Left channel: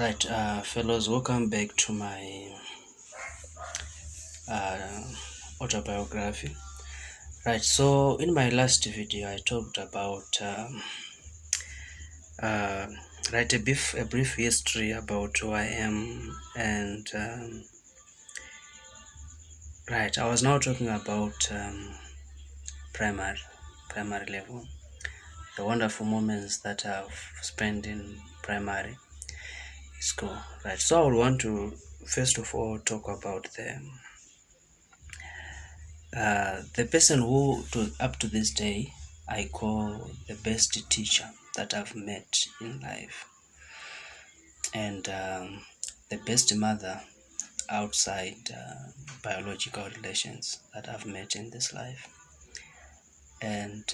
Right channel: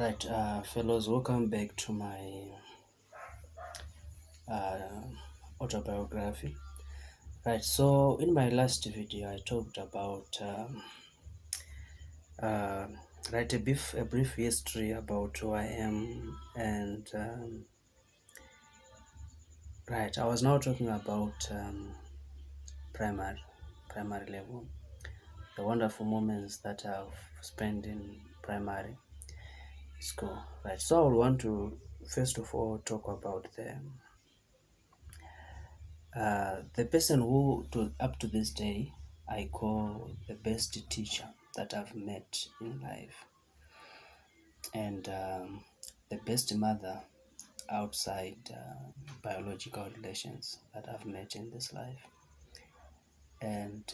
Right, fellows, welcome back to my uh, autobiography. Right, so in my last video, I talked about uh, a brief history about who I am, and right, I was now talking about primary, primary level, the wonderful moments that I've spent in primary school. Right, so I would want to first of all talk about the person who up to this day I call the best teacher that I've met in life, and the best mother outside biological relations that I've met in this life. And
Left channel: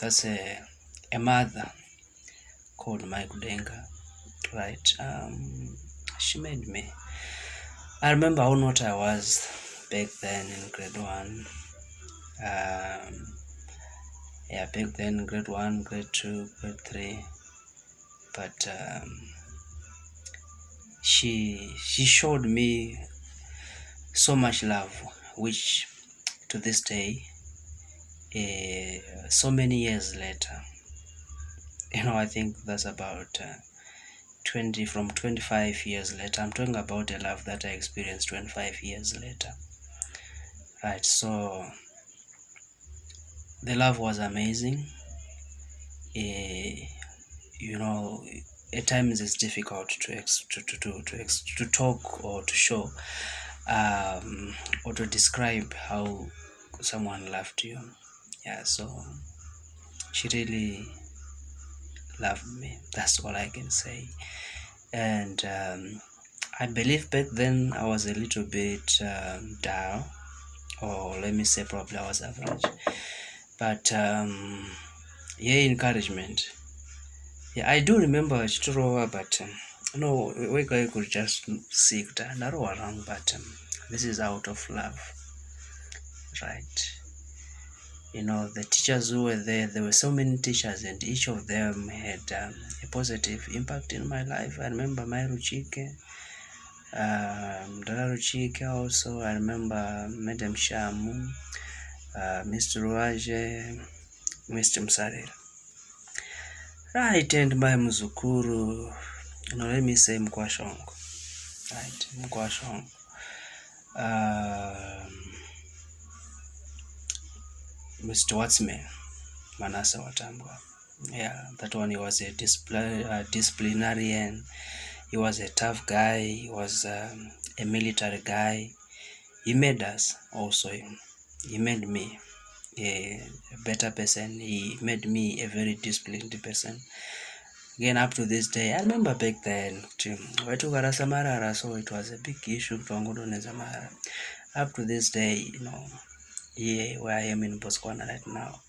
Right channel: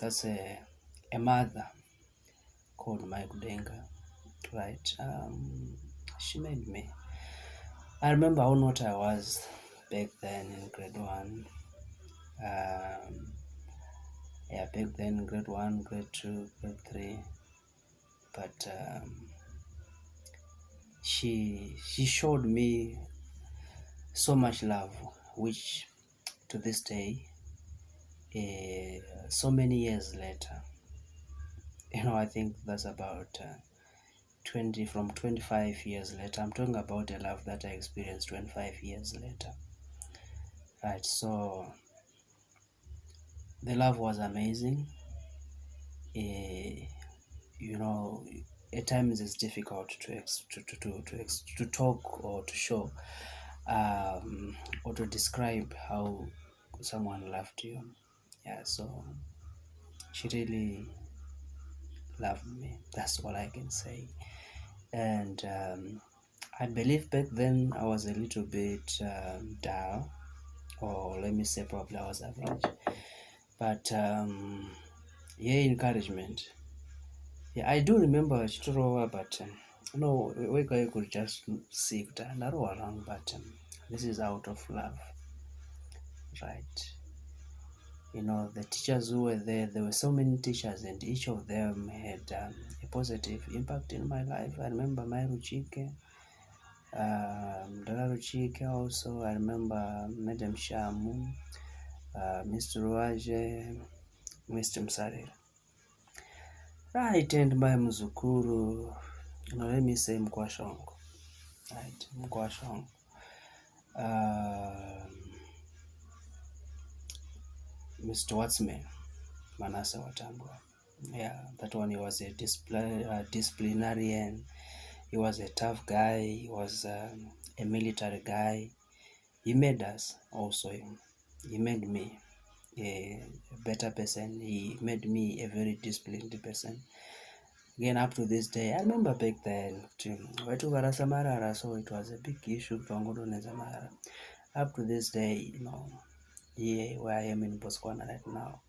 that's a mother called Mai Kudenga, right? She made me. I remember how not I was back then in grade one. Yeah, back then grade one, grade two, grade three. But she showed me so much love, which to this day, so many years later, I think that's about 25 years later. I'm talking about a love that I experienced 25 years later. Right, so the love was amazing. You know, at times it's difficult to talk or to show or to describe how someone loved you. Yeah, so she really loved me. That's all I can say. And I believe back then I was a little bit down, or let me say probably I was average. But yeah, encouragement. Yeah, I do remember Chitorowa, but no, we could just seek that, but this is out of love, right? The teachers who were there were so many teachers, and each of them had a positive impact in my life. I remember Myro Chike, Dara Chike also. I remember Madam Shamu, Mr. Ruaje, Mr. Msaril. Right, and my Mzukuru, let me say Mkwashongo. Right, Mkwashongo. Mr. Watsman, Manasa Watambwa. Yeah, that one, he was a disciplinarian. He was a tough guy. He was a military guy. He made us also. He made me a better person. He made me a very disciplined person. Again, up to this day, I remember back then, Samarara, so it was a big issue. Up to this day, here where I am in Botswana right now,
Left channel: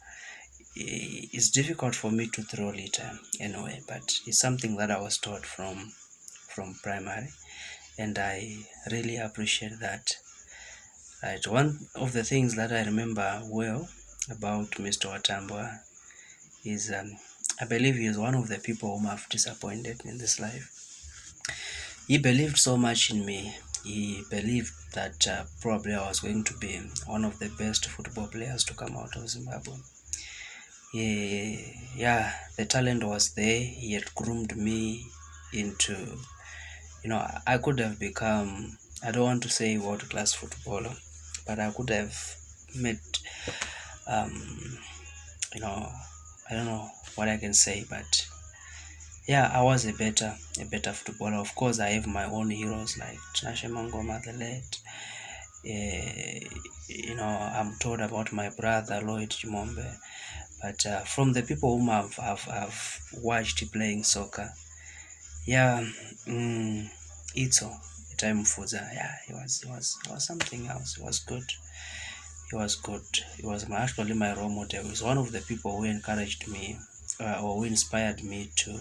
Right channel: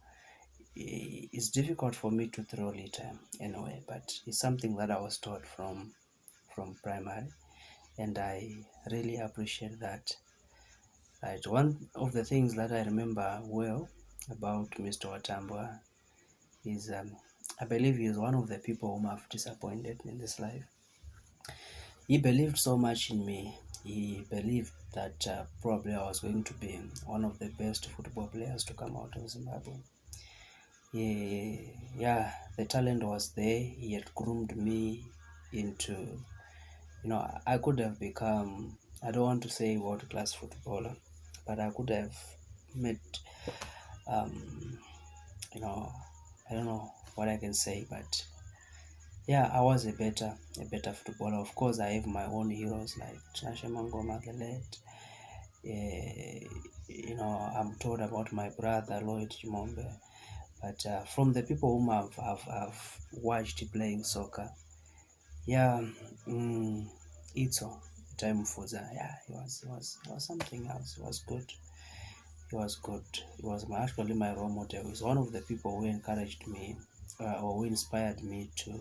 it's difficult for me to throw litter anyway, but it's something that I was taught from primary, and I really appreciate that. Right, one of the things that I remember well about Mr. Watambwa is I believe he is one of the people whom I've disappointed in this life. He believed so much in me. He believed that probably I was going to be one of the best football players to come out of Zimbabwe. Yeah, the talent was there. He had groomed me into, I could have become, I don't want to say world-class footballer, but I could have met, I don't know what I can say, but yeah, I was a better footballer. Of course, I have my own heroes like Tinashe Mangoma, the late. I'm told about my brother Lloyd Chimombe, but from the people whom I've watched playing soccer, yeah, Itzo, time Fuza, yeah, he was something else. He was good. He was good. He was actually my role model. He was one of the people who encouraged me or who inspired me to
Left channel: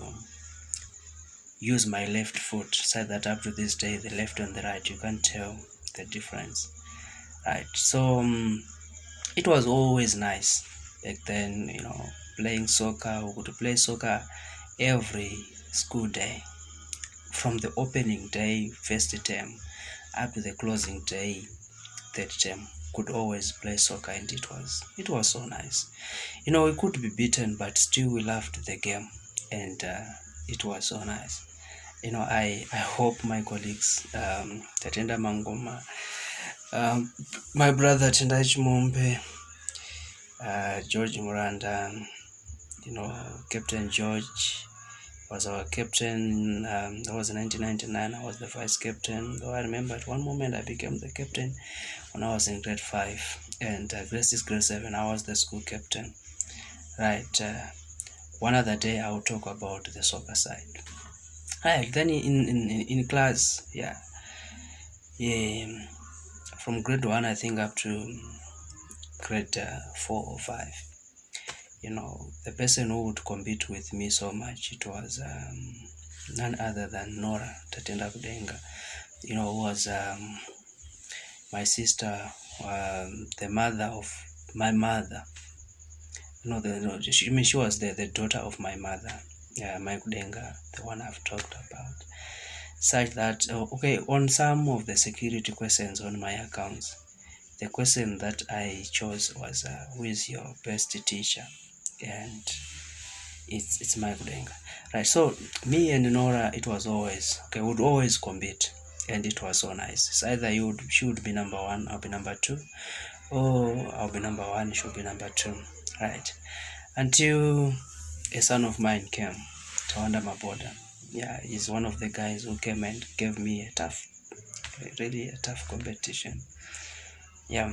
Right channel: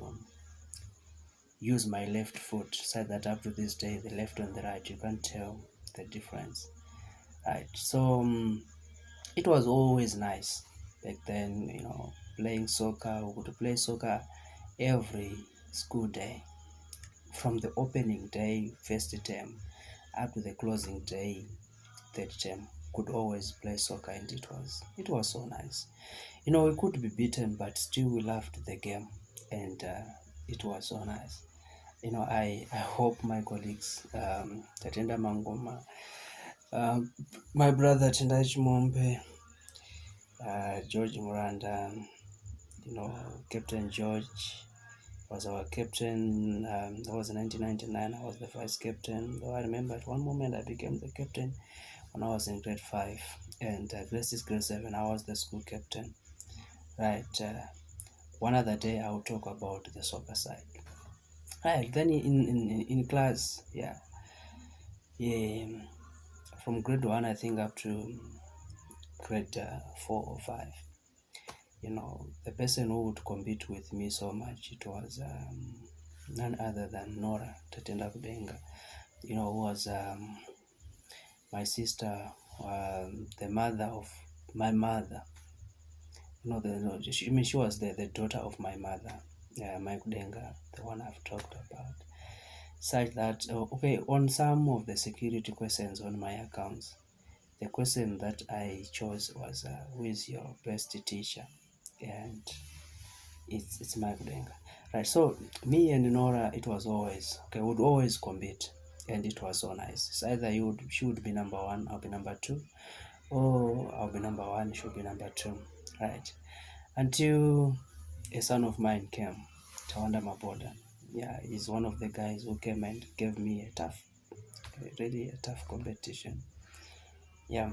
use my left foot, so that up to this day, the left and the right, you can't tell the difference. Right, so it was always nice back then, playing soccer. We could play soccer every school day. from the opening day, first term, up to the closing day, third term, could always play soccer, and it was so nice. We could be beaten, but still we loved the game, and it was so nice. I hope my colleagues, Tatenda Mangoma, my brother Tendai Chimombe, George Muranda, Captain George was our captain. That was 1999. I was the vice captain. Though I remember at one moment I became the captain when I was in grade 5, and grade 6, grade 7, I was the school captain. Right. One other day I will talk about the soccer side. Right. Then in class, yeah, from grade 1 I think up to grade 4 or 5. The person who would compete with me so much, it was none other than Nora Tatenda Kudenga, who was my sister, the mother of my mother. She was the daughter of my mother, my Kudenga, the one I've talked about. Such that, on some of the security questions on my accounts, the question that I chose was, who is your best teacher? And it's my Kudenga. Right, so me and Nora, it was always, would always compete, and it was so nice. It's either she would be number 1, I'll be number 2, or I'll be number 1, she'll be number 2, right? Until a son of mine came, Tawanda Maboda. Yeah, he's one of the guys who came and gave me really a tough competition. Yeah,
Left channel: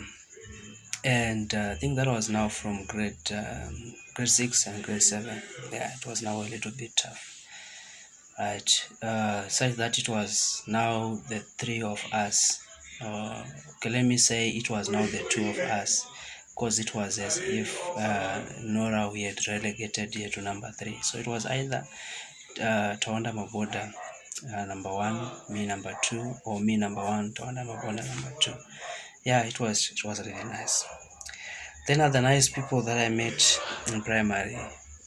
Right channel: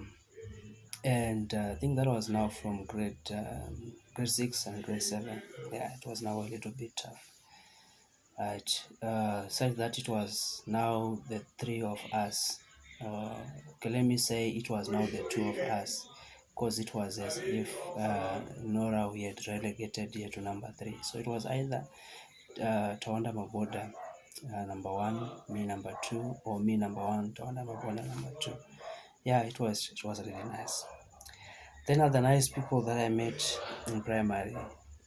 and I think that was now from grade 6 and grade 7. Yeah, it was now a little bit tough. Right, such that it was now the 3 of us. Let me say it was now the 2 of us, because it was as if Nora, we had relegated here to number 3. So it was either Tawanda Maboda number 1, me number 2, or me number 1, Tawanda Maboda number 2. Yeah, it was really nice. Then other nice people that I met in primary,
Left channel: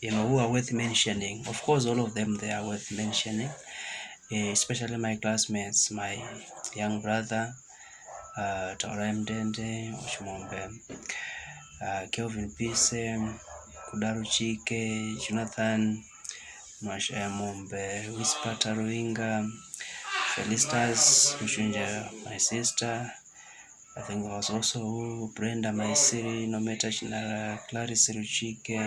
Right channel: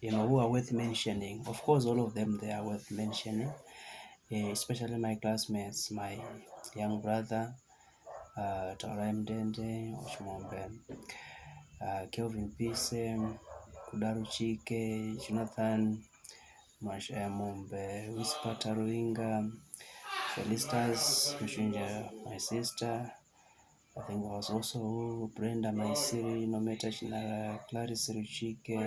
who are worth mentioning. Of course, all of them, they are worth mentioning, especially my classmates, my young brother, Taura Mdende, Oshimombe, Kelvin Pise, Kudaru Chike, Jonathan Mashayamombe, Whisper Taruinga, Felistas Mshunja, my sister. I think there was also Brenda Maisiri, Nometa Chinara, Clarice Ruchike,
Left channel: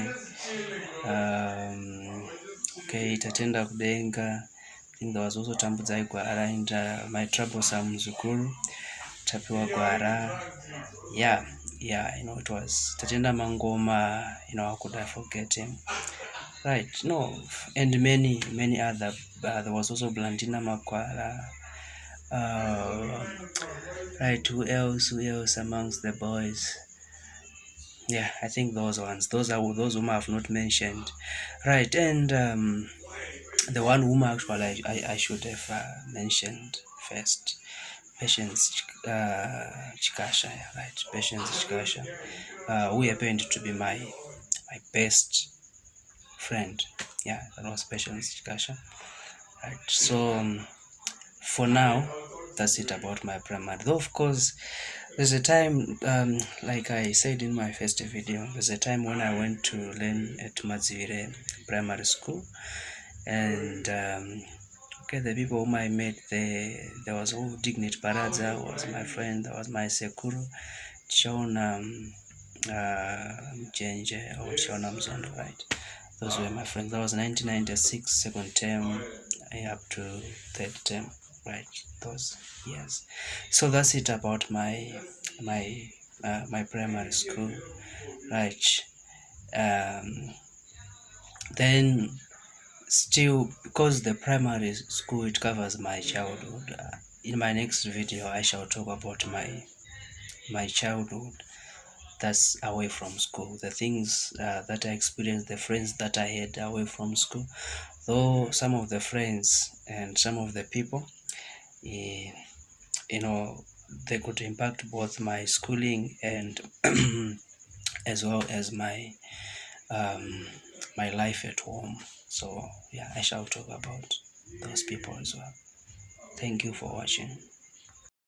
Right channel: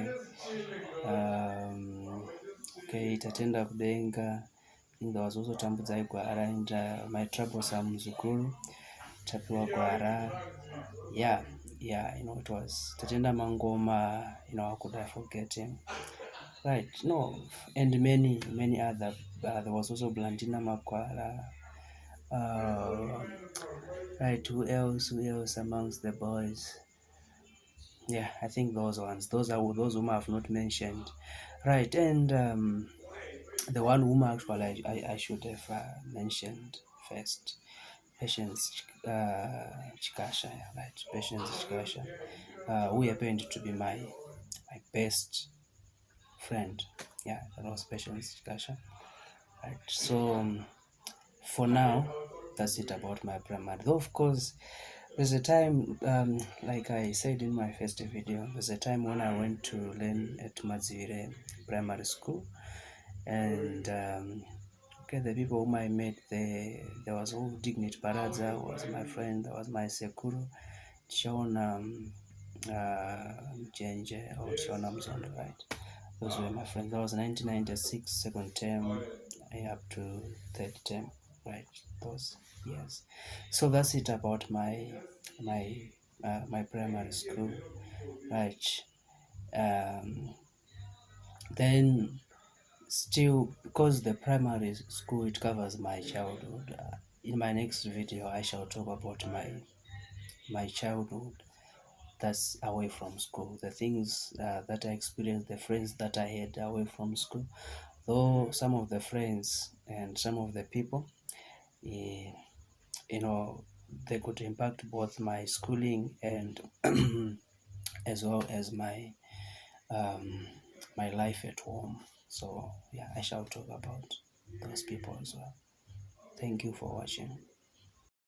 Tatenda Kudenga. I think there was also Tambuzai Gwara and my troublesome Zukuru, Tapiwa Gwara. Yeah, it was Tatenda Mangoma, how could I forget him? Right, and many other. There was also Blandina Makwara. Right, who else amongst the boys? Yeah, I think those ones. Those whom I have not mentioned. Right, and the one whom actually I should have mentioned first, Patience Chikasha, right? Patience Chikasha, who happened to be my best friend. Yeah, that was Patience Chikasha. Right, so for now, that's it about my primary. Though of course, there's a time, like I said in my first video, there's a time when I went to learn at Mazivire Primary School, and the people whom I met there was Dignit Paradza was my friend. There was my Sekuru, Chona Mchenje, or Chona Mzondo, right? Those were my friends. That was 1996, second term up to third term, right? Those years. So that's it about my primary school, right? Then still, because the primary school, it covers my childhood, in my next video I shall talk about my childhood that's away from school, the things that I experienced, the friends that I had away from school. Though some of the friends and some of the people, they could impact both my schooling and as well as my my life at home. So yeah, I shall talk about those people as well. Thank you for watching.